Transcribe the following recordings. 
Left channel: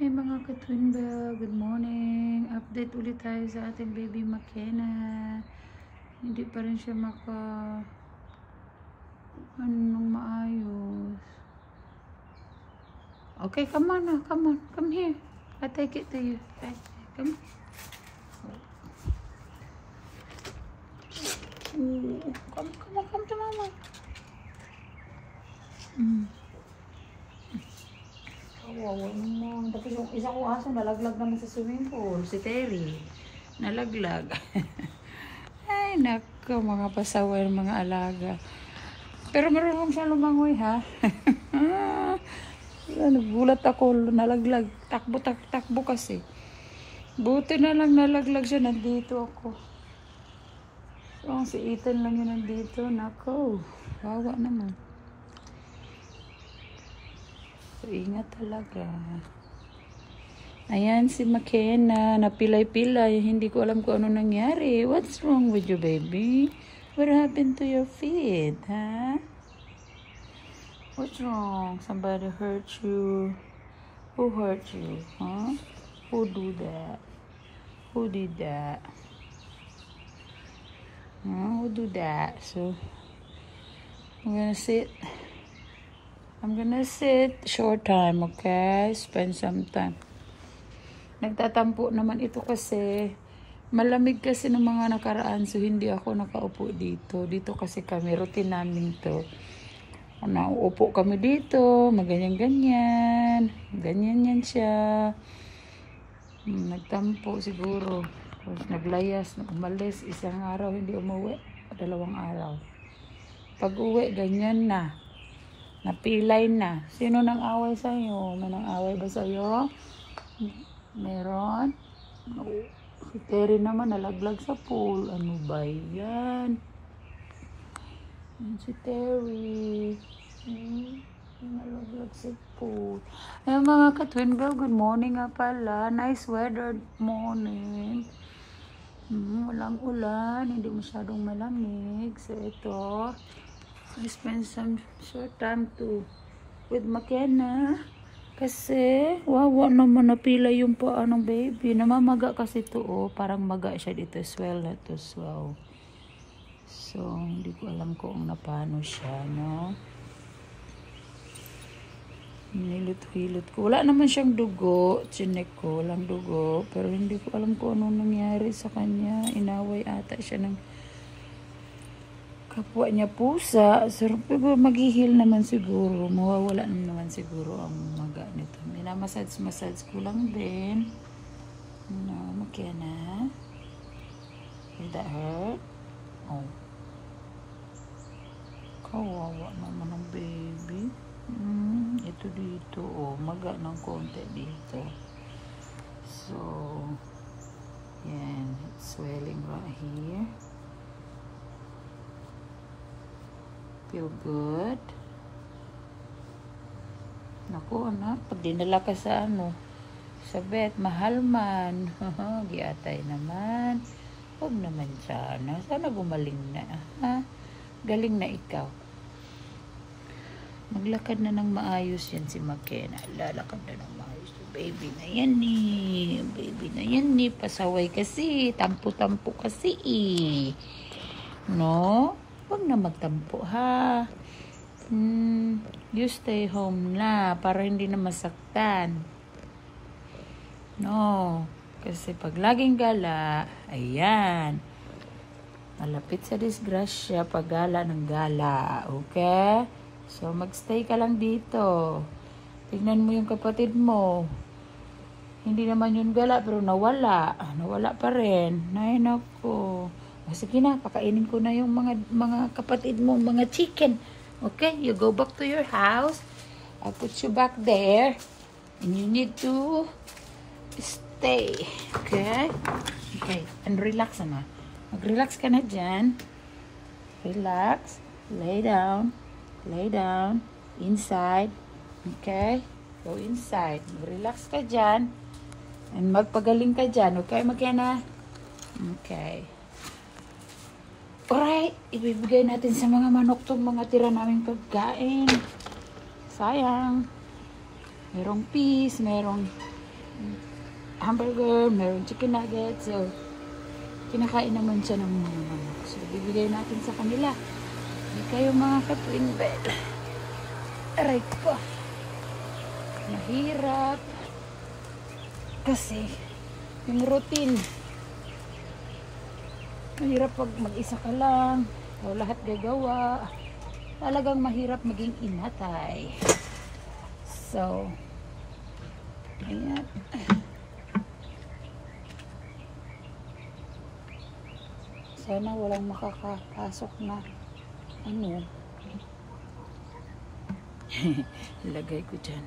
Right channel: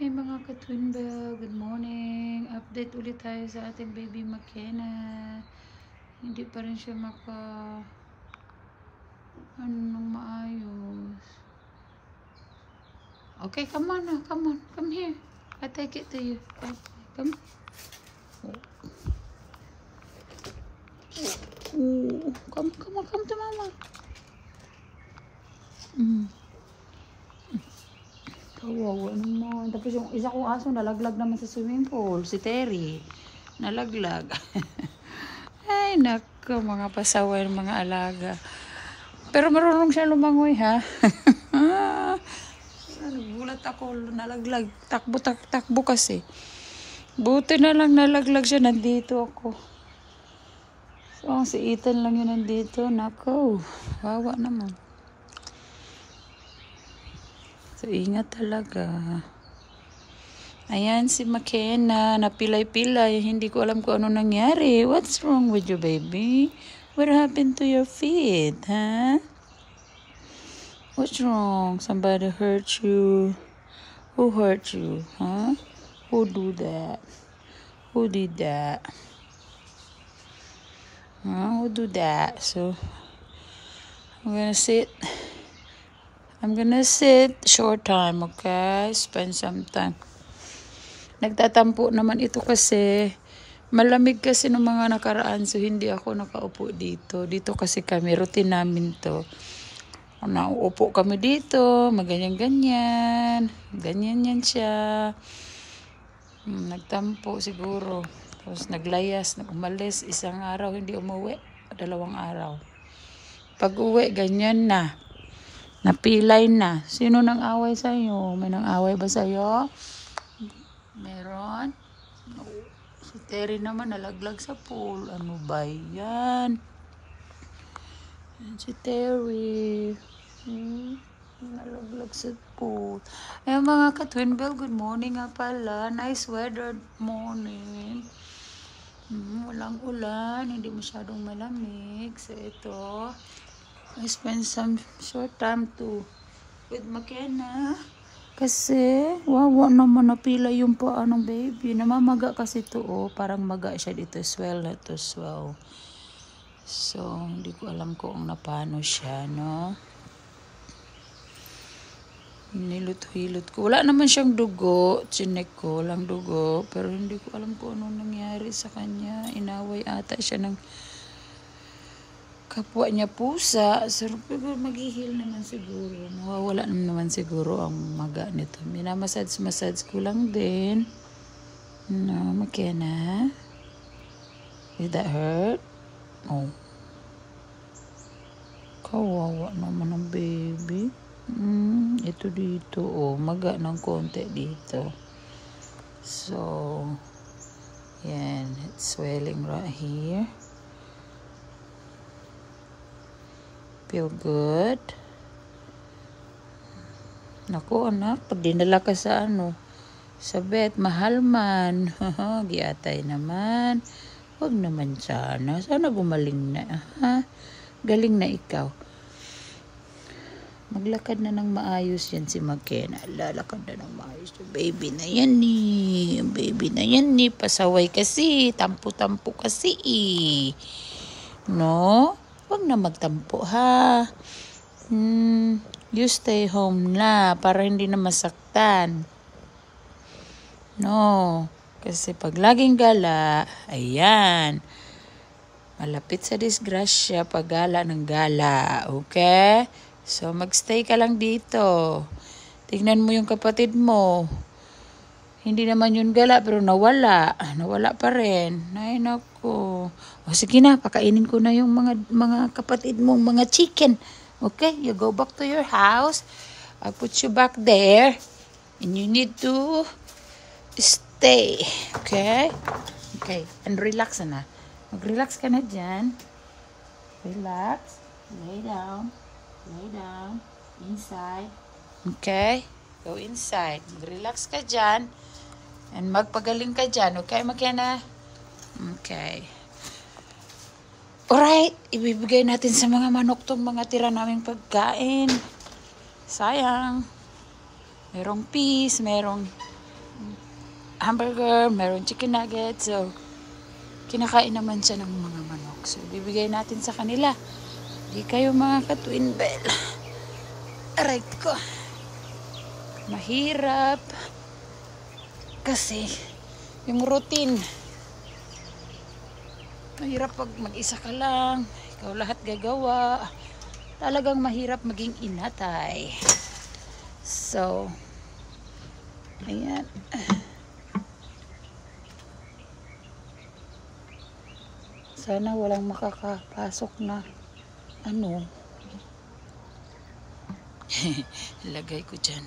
Hi mga ka-twinbell, good morning. Update ulit tayo sa ating baby McKenna. Hindi pa rin siya anong maayos. Okay, come on now, come on, come here. I take it to you. Come. Ooh, come to mama. Kawawa naman. Tapos yung isa kong aso nalaglag naman sa swimming pool. Si Terry. Nalaglag. Ay, nako, mga pasaway ng mga alaga. Pero marunong siya lumangoy, ha? Yan, nagulat ako, nalaglag. Takbo kasi. Buti na lang nalaglag siya, nandito ako. So, si Ethan lang yun nandito. Nako, wawa naman. So, ingat talaga. Ayan si McKenna, napilay-pilay. Hindi ko alam kung ano nangyari. What's wrong with you, baby? What happened to your feet, huh? What's wrong? Somebody hurt you? Who hurt you, huh? Who do that? Who did that? Who do that? So, I'm gonna sit short time, okay? Spend some time. Nagtatampo naman ito kasi malamig kasi ng mga nakaraan, so hindi ako nakaupo dito. Dito kasi kami, routine namin to. Nauupo kami dito, maganyan-ganyan. Ganyan yan siya. Nagtampo siguro. Tapos naglayas, umalis. Isang araw, hindi umuwi. 2 araw. Pag uwi, ganyan na. Napilay na. Sino nang away sa'yo? May nang away ba sa'yo? Meron? No. Si Terry naman nalaglag sa pool. Ano ba yan? Si Terry. Nalaglag sa pool. Ayan mga ka-twinbell, good morning nga pala. Nice weather morning. Walang ulan. Hindi masyadong malamig. So ito, I spend some short time with McKenna. Kasi, wawa naman napila yung paa ng baby. Namamaga kasi ito, oh. Parang maga siya dito. Swell na to, swell. So, hindi ko alam kung napano siya, no? Nilot-hilot ko. Wala naman siyang dugo. Chinek ko, walang dugo. Pero hindi ko alam kung anong nangyari sa kanya. Inaway ata siya ng kapwa niya pusa. So, maghihil naman siguro. Mawawala naman siguro ang maga nito. Minamassage ko lang din. No, McKenna. Did that hurt? Oh. Kawawa naman ng baby. Ito dito. Oh, maga ng konti dito. So, yan. It's swelling right here. Feel good. Naku anak, pag dinala ka sa sa vet, mahal man. Giatay naman. Huwag naman sana. Sana gumaling na. Ha? Galing na ikaw. Maglakad na ng maayos yan si McKenna. Lalakad na ng maayos. Baby na yan ni. Baby na yan ni. Pasaway kasi. Tampo-tampo kasi eh. No? Huwag na magtampo ha. You stay home na para hindi na masaktan. No. Kasi pag laging gala, ayan. Malapit sa disgrasya pag gala ng gala. Okay? So magstay ka lang dito. Tignan mo yung kapatid mo. Hindi naman yun gala pero nawala. Nawala pa rin. Ay naku. O sige na, pakainin ko na yung mga kapatid mo, mga chicken. Okay, you go back to your house. I'll put you back there. And you need to stay. Okay? Okay, and relax na. Mag-relax ka na dyan. Relax. Lay down. Lay down. Inside. Okay? Go inside. Mag-relax ka dyan. And magpagaling ka dyan. Okay, McKenna? Okay. Alright, ibibigay natin sa mga manok tong mga tira naming pagkain. Sayang. Merong peas, merong hamburger, meron chicken nuggets. So, kinakain naman siya ng mga manok. So, bibigay natin sa kanila. Hindi kayo mga ka-twin bell. Aray ko. Mahirap. Kasi, yung routine. Mahirap pag mag-isa ka lang. Ikaw lahat gagawa. Talagang mahirap maging inatay. So, ayan. Sana walang makakapasok na ano. Ilagay ko dyan.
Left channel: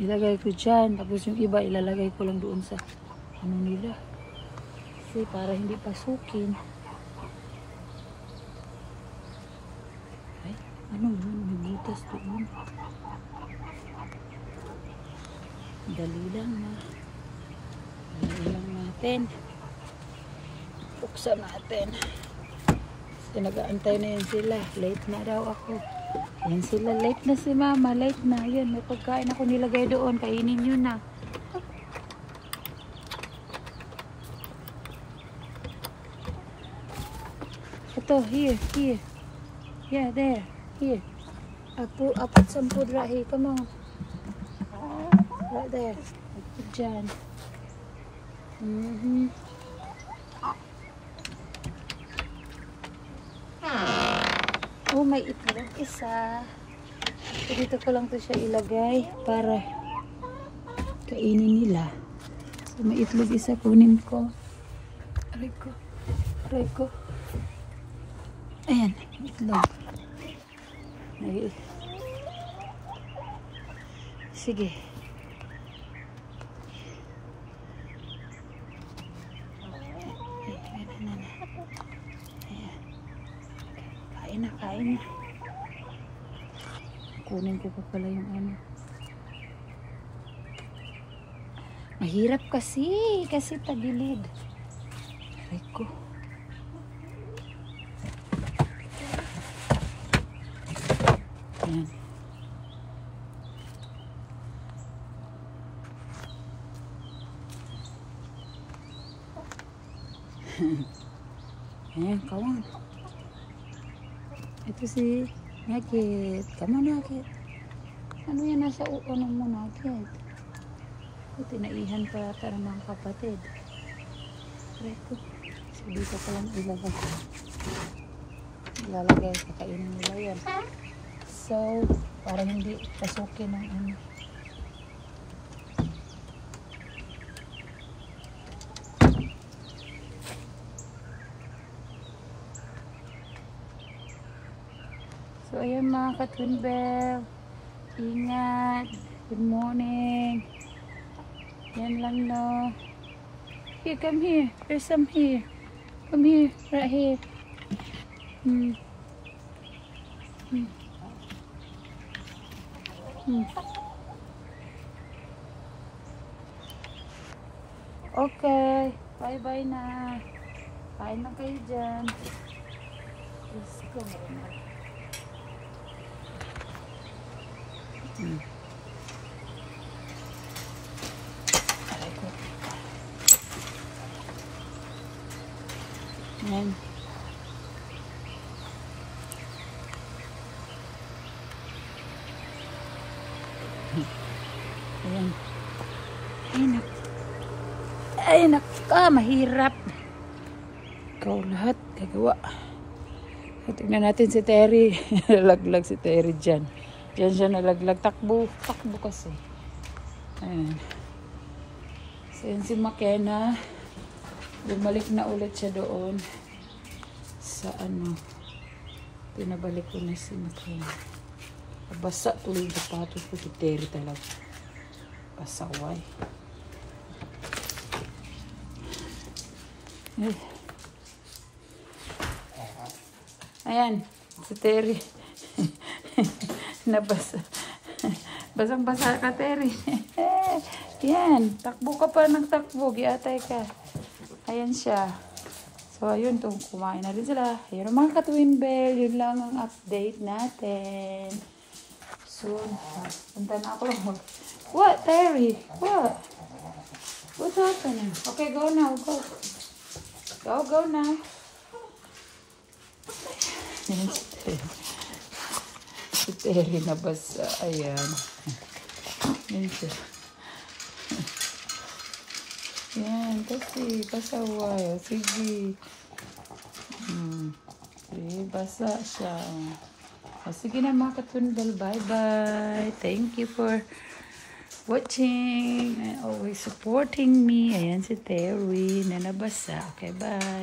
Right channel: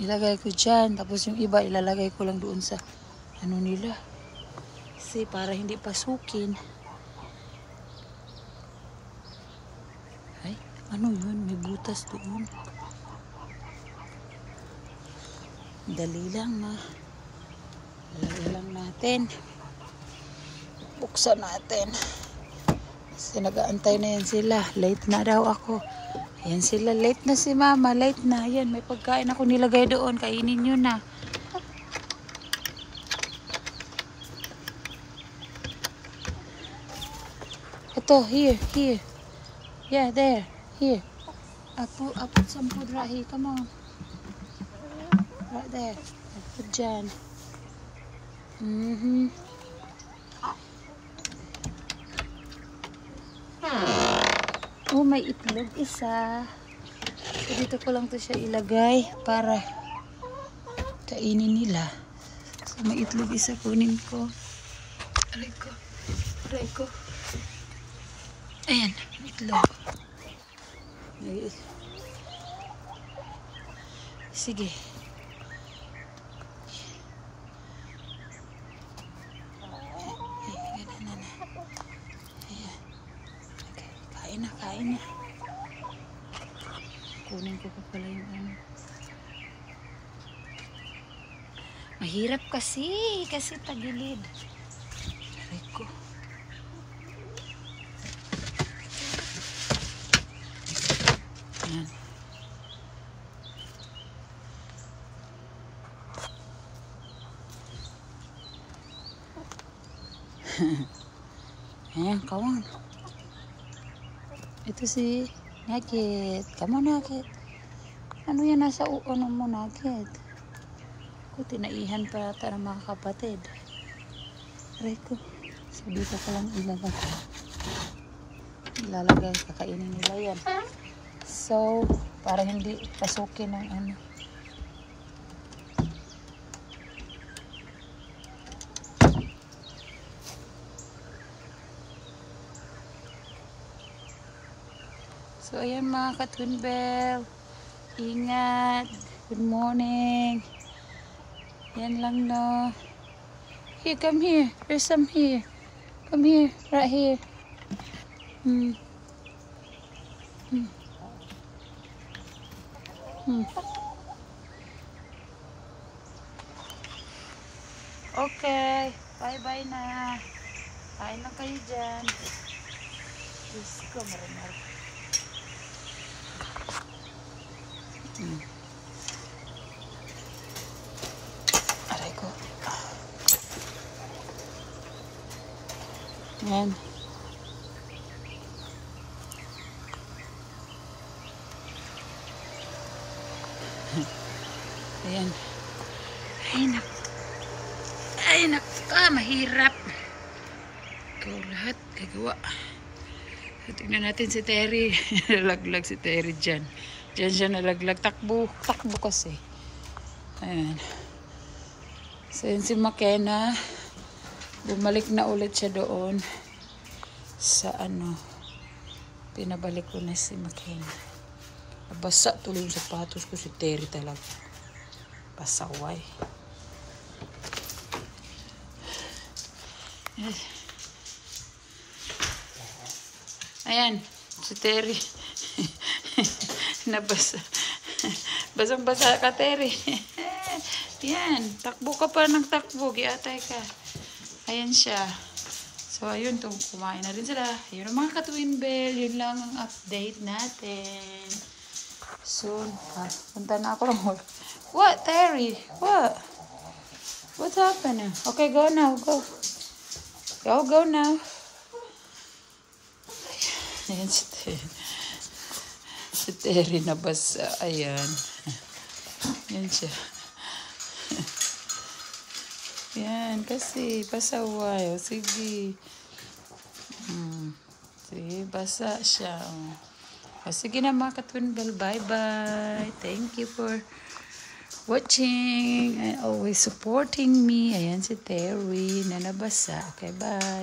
Ilagay ko dyan. Tapos yung iba ilalagay ko lang doon sa ano nila. Kasi para hindi pasukin. Ay, ano yun? May butas doon. Dali lang na. Dali lang natin. Buksan natin. Kasi nag-aantay na yan sila. Late na daw ako. Ayan sila. Late na si mama. Late na. Ayan, may pagkain ako nilagay doon. Kainin nyo na. Ito, here, here. Yeah, there. Here. I put some food right here. Come on. Right there. I put dyan. Oh, may itlog isa. So, dito ko lang to siya ilagay para kainin nila. So, may itlog isa kunin ko. Aray ko. Aray ko. Ayan, itlog. Sige. Kain na. Kunin ko pa pala yung ano. Mahirap kasi tagilid. Aray ko. Ayan. Ayan, come on. Ito si Nugget. Come on, Nugget. Ano yan nasa uono mo, Nugget? Tinaihan pa yata ng mga kapatid. Aray ko. So, dito ko lang ilalagay. Kakainin nila yan. So, para hindi pasukin ng ano. So, ayan mga ka-twin bell. Ingat. Good morning. Yan lang no. Here, come here. There's some here. Come here. Right here. Okay. Bye-bye na. Kain na kayo dyan. Diyos ko, marunong. Aray ko. Ayan. Ayan. Ay nak. Mahirap. Ikaw lahat gagawa. So, tingnan natin si Terry. Nalaglag si Terry dyan. Diyan siya nalaglag. Takbo kasi. Ayan. So, yun si McKenna. Bumalik na ulit siya doon. Sa ano. Pinabalik ko na si McKenna. Basa tuloy yung sapatos ko. Si Terry talaga. Pasaway. Ayan. Si Terry. Nabasa. Basang-basa ka, Terry. Yan. Takbo ka pa ng takbo. Giatay ka. Ayan siya. So, ayun. Kumain na rin sila. Ayun ang mga ka-twin bell. Yun lang ang update natin. Soon. Punta na ako. What, Terry? What? What's happening? Okay, go now. Go. Go now. Ayan si Terry. Si Terry nabasa. Ayan. Ayan siya. Yan, kasi pasaway. O, sige. Sige, basa siya. O, sige na mga katwinbel. Bye-bye. Thank you for watching and always supporting me. Ayan si Terry na nabasa. Okay, bye.